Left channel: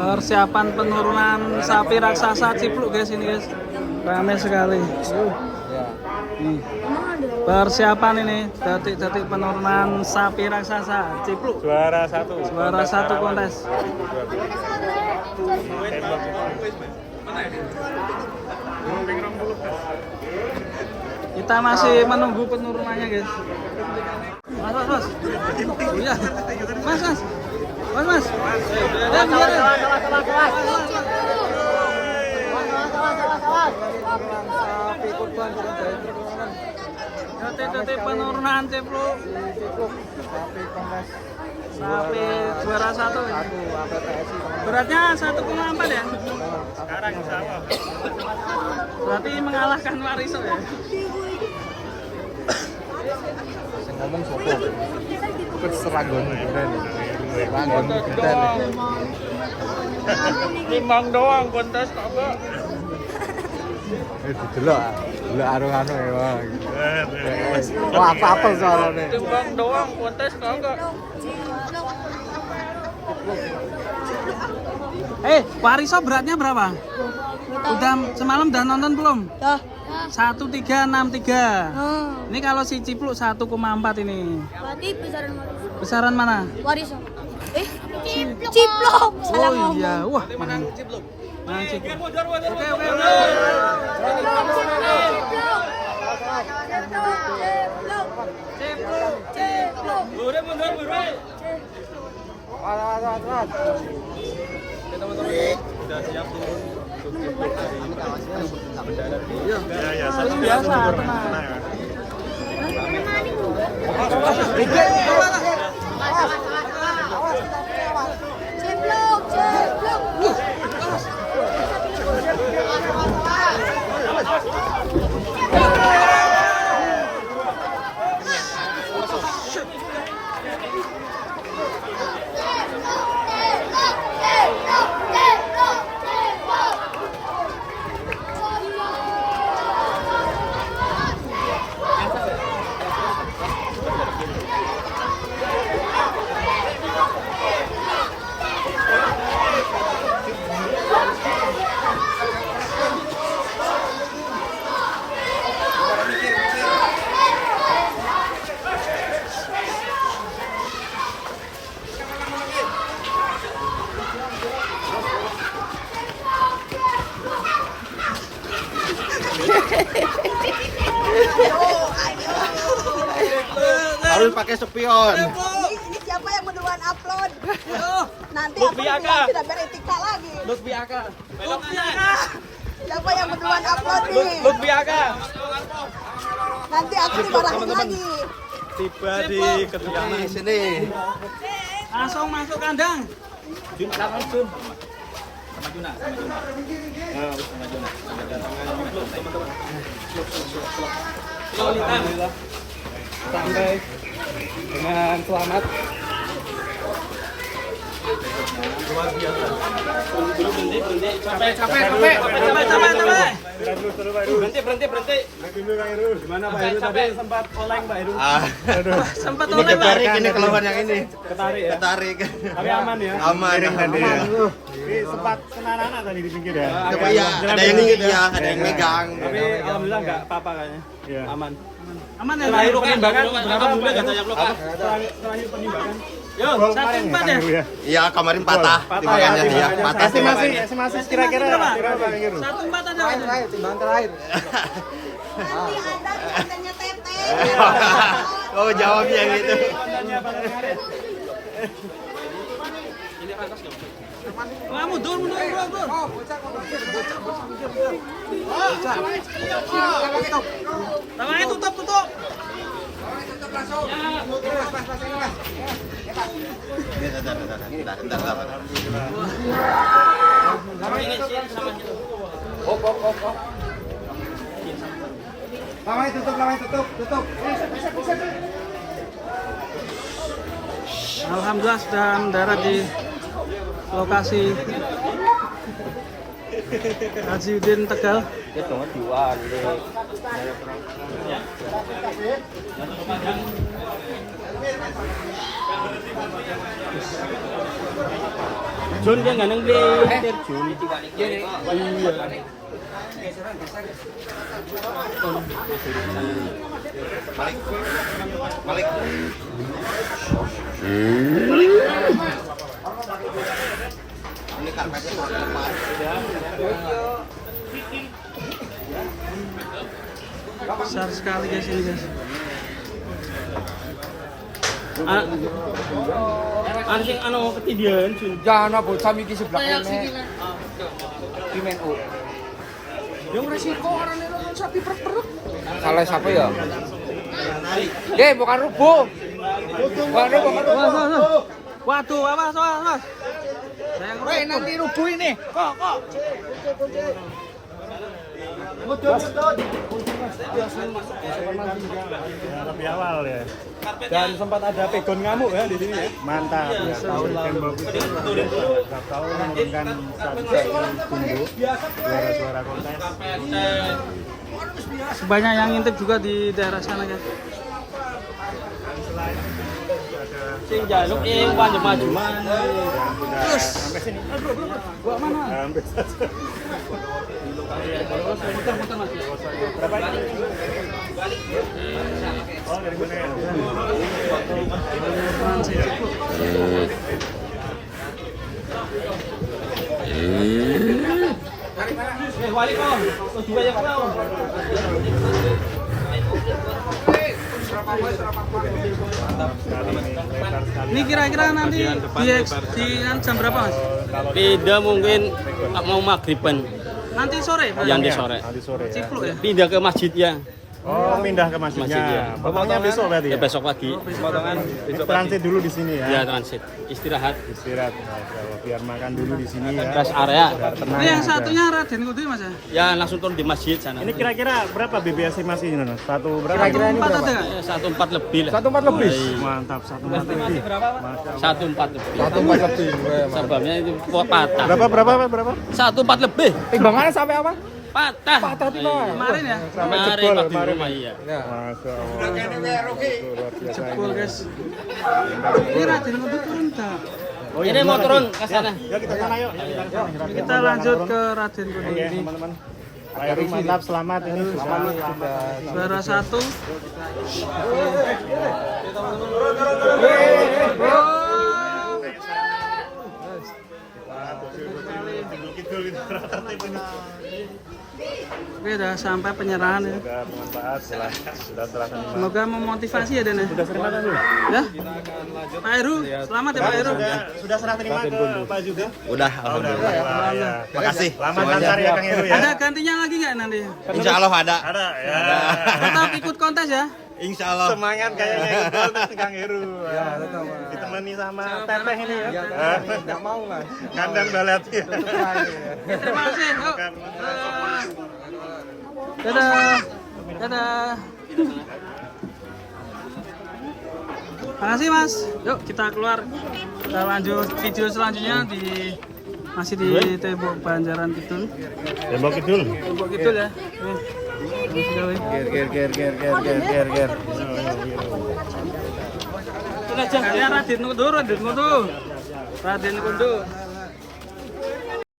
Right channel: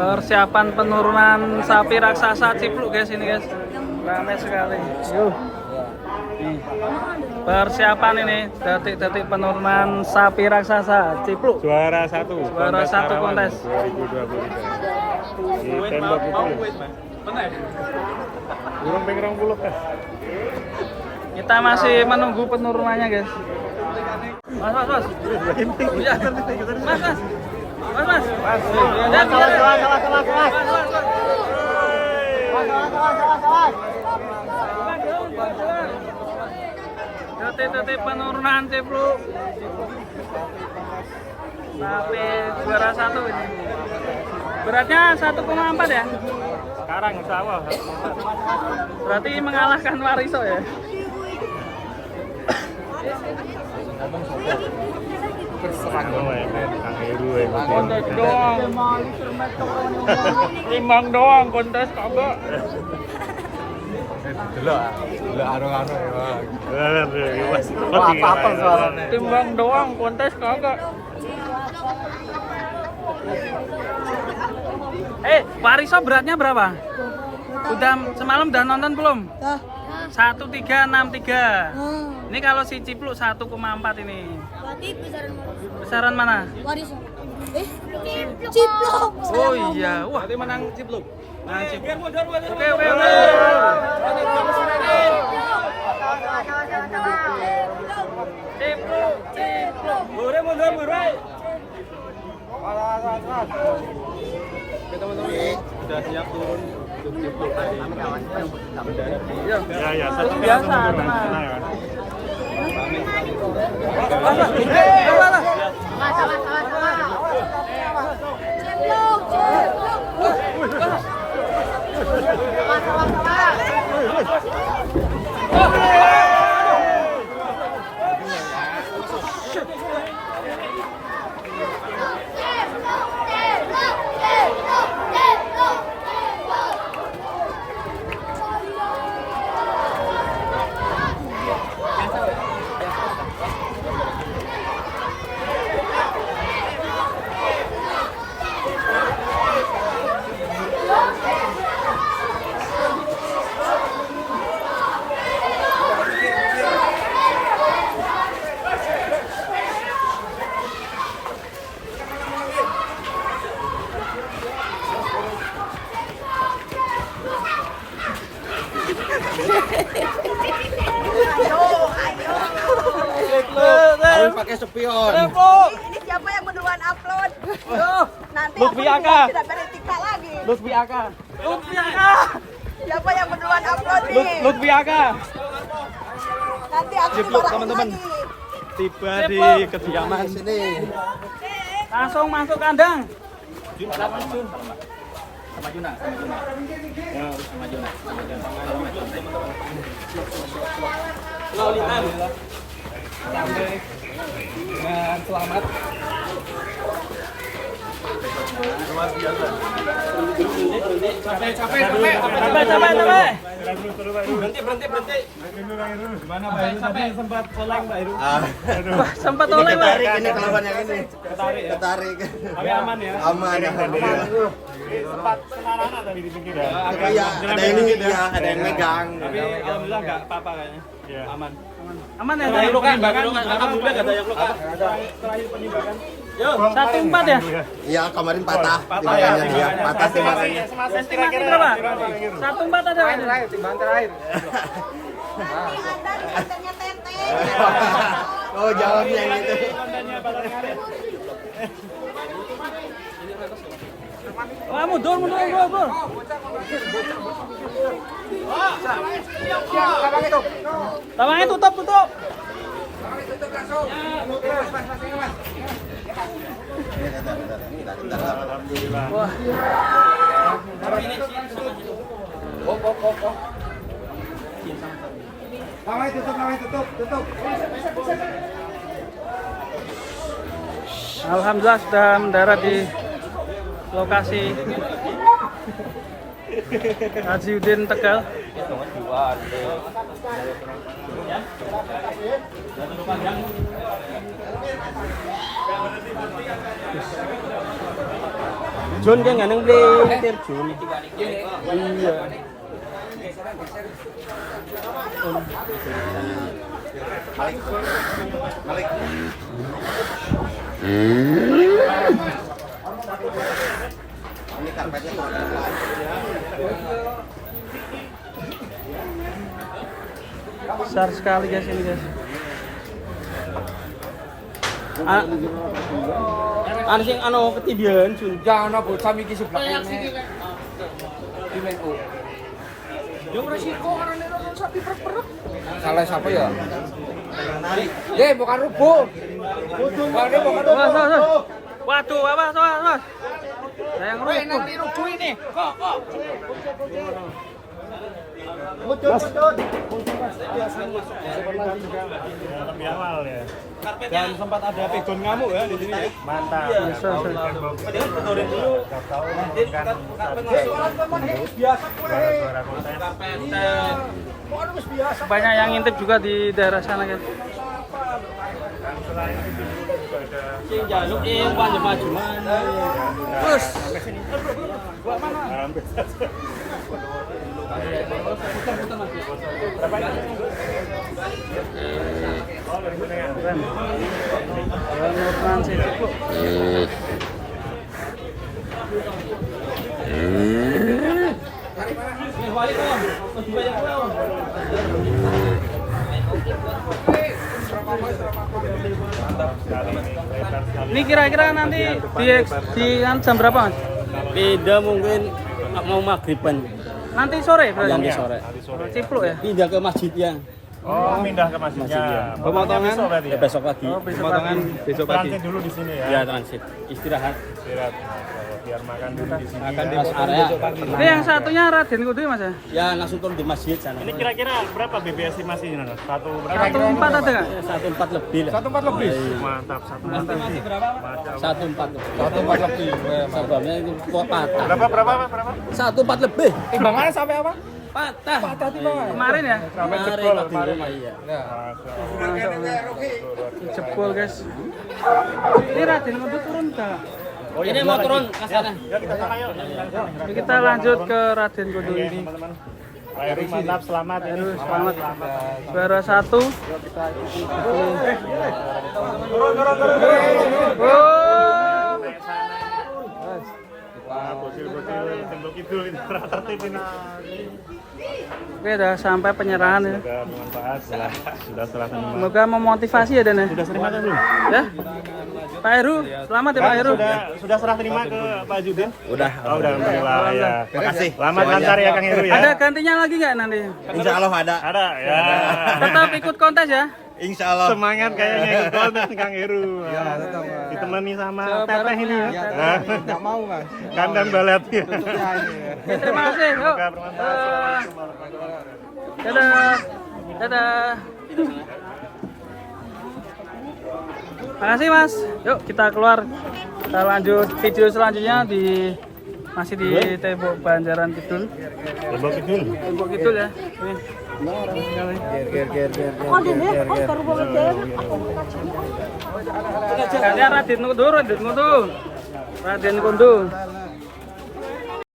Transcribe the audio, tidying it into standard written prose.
Persiapan penurunan sapi raksasa Cipluk guys ini guys. Ramai sekali. Yuh. Nih. Persiapan ini detik-detik penurunan sapi raksasa Cipluk. Juara satu kontes. Kita masih menunggu penurunannya guys. Mas. Iya. Mas. Dan biar. Mas. Detik-detik penurunan Cipluk. Sapi juara satu ini. Beratnya 1,4 ya? Sekarang insya Allah. Berarti mengalahkan Wariso ya? Timbang doang kontes kagak. Delok anu-anu ya. Apa soalnya? Timbang doang kontes kagak. Wariso beratnya berapa? Udah semalam udah nonton belum? 1363. Ini kalau si Cipluk 1,4 ini. Berarti Besaran mana? Wariso. Cipluk. Oh iya, wah. Cipluk. Oke. Cipluk. Mundur. Iya. Terus biasa tenang. Harus pakai spion. Ini siapa yang duluan upload? Nanti Lutfi aku Aka. tidak beretika lagi. Lutfi Aka. Siapa yang duluan upload nih? Lutfi Aka. Nanti aku dimarahin lagi. Tiba di kediaman sini. Langsung masuk kandang. Sama Juna. Sampai dengan selamat. Capek. Berhenti. Mana Pak Heru tadi sempat oleng Pak Heru? Sempat oleh Pak. Ini kelawan yang ini. Ketarik. Tapi aman ya? Aman. Sempat senanana tadi di pinggir ya? Tapi ya, ada ini ya, ada yang megang. Tapi alhamdulillah enggak apa-apa kayaknya. Iya, aman. Aman ya? Terakhir penimbangan, alhamdulillah enggak ada yang luka. Terakhir penimbangan. 1,4 ya? Iya, kemarin patah timbangannya ya, patah timbangannya. Kira-kira berapa? 1,4 ada. Timbangan terakhir. Kontennya Tete. Oh, jawabnya yang itu. Wah, mundur. Tawangnya tutup. Wah. Lamanya tutup. Alhamdulillah sudah mendarat di lokasi Haji Udin Tegal. terjun kan nggak terjun. Iya. Balik. Ini karpetnya turun ke depan. Besar sekali guys ini guys. Ada sing ketidian Jangan bocah mikir sebelah ini. Di main U. Yang resiko kan sapi perut. Salah siapa ya? Bukan rubuh. Waduh, awas. Saya yang rubuh. Ini rubuh ini. Kok. Mudun. Lebih awal ya. Dan sempat ada pegon ngamuk ya di sini. Mantap. Beturin dulu. Suara-suara kontes. Banyak yang ngintip juga di daerah sana guys. Sing jaluk maju mana. Terus. Gua mana? Muter Mas. Wali kok. Juga ya kau. Ini kira-kira nanti di jam berapa Mas? Beda mungkin mau maghriban. Nanti sore berarti? Yang di sore. Cipluk ya? Pindah ke masjid ya. Oh, pindah ke Masjid ya. Pemotong besok berarti. Ya, besok pagi. Oh, besok pagi. Transit dulu di sini ya. Ya transit. Istirahat. Istirahat. Biar makan dulu di sini. Rest area. Ini yang satunya Raden Kudu Mas ya? Ya langsung turun di masjid sana. Ini kira-kira berapa BBS masih ini? Satu berapa? 1,4 ada nggak? Ya, 1,4 lebih lah. 1,4 lebih. Mantap, 1,4 lebih. 1,4 lebih. 1,4 lebih. Sebabnya itu patah. Berapa? 1,4 lebih. Timbangannya sampai apa? Patah. Kemarin ya? Kemarin waktu di rumah iya. Jebol guys. Ini Raden Kudu turun nggak? Ini mau turun ke sana. Ya kita sana yuk. Kita lanjut ke Raden Kudu ini. Pak Heru mantap, selamat. Heru selamat. Juara 1. Oke, udah sampai penyerahan ya. Semoga memotivasi ya Dan ya. Ya. Pak Heru, selamat ya Pak Heru. Sudah serah terima ke Pak Judin? Udah, alhamdulillah. Alhamdulillah. Makasih Lama semuanya. mencari ya Kang Heru ya. Ada gantinya lagi nggak nanti? Insya Allah ada. Ada. Ya. Tetap ikut kontes ya. Insya Allah. Semangat kayaknya ikut Kang Heru. Ditemani sama Coba Teteh bareng ini. ya, Teteh. Enggak mau, Mas. Kandang balet. Oke, terima kasih. Yuk. Dadah. Dadah. Makasih Mas. Yuk kita keluar. Kita lanjut video selanjutnya masih di Tembok Banjaran Kidul. Tembok Kidul. Tembok Kidul ya. Ini. Ger. Kalian Raden Kudu. Raden Kudu.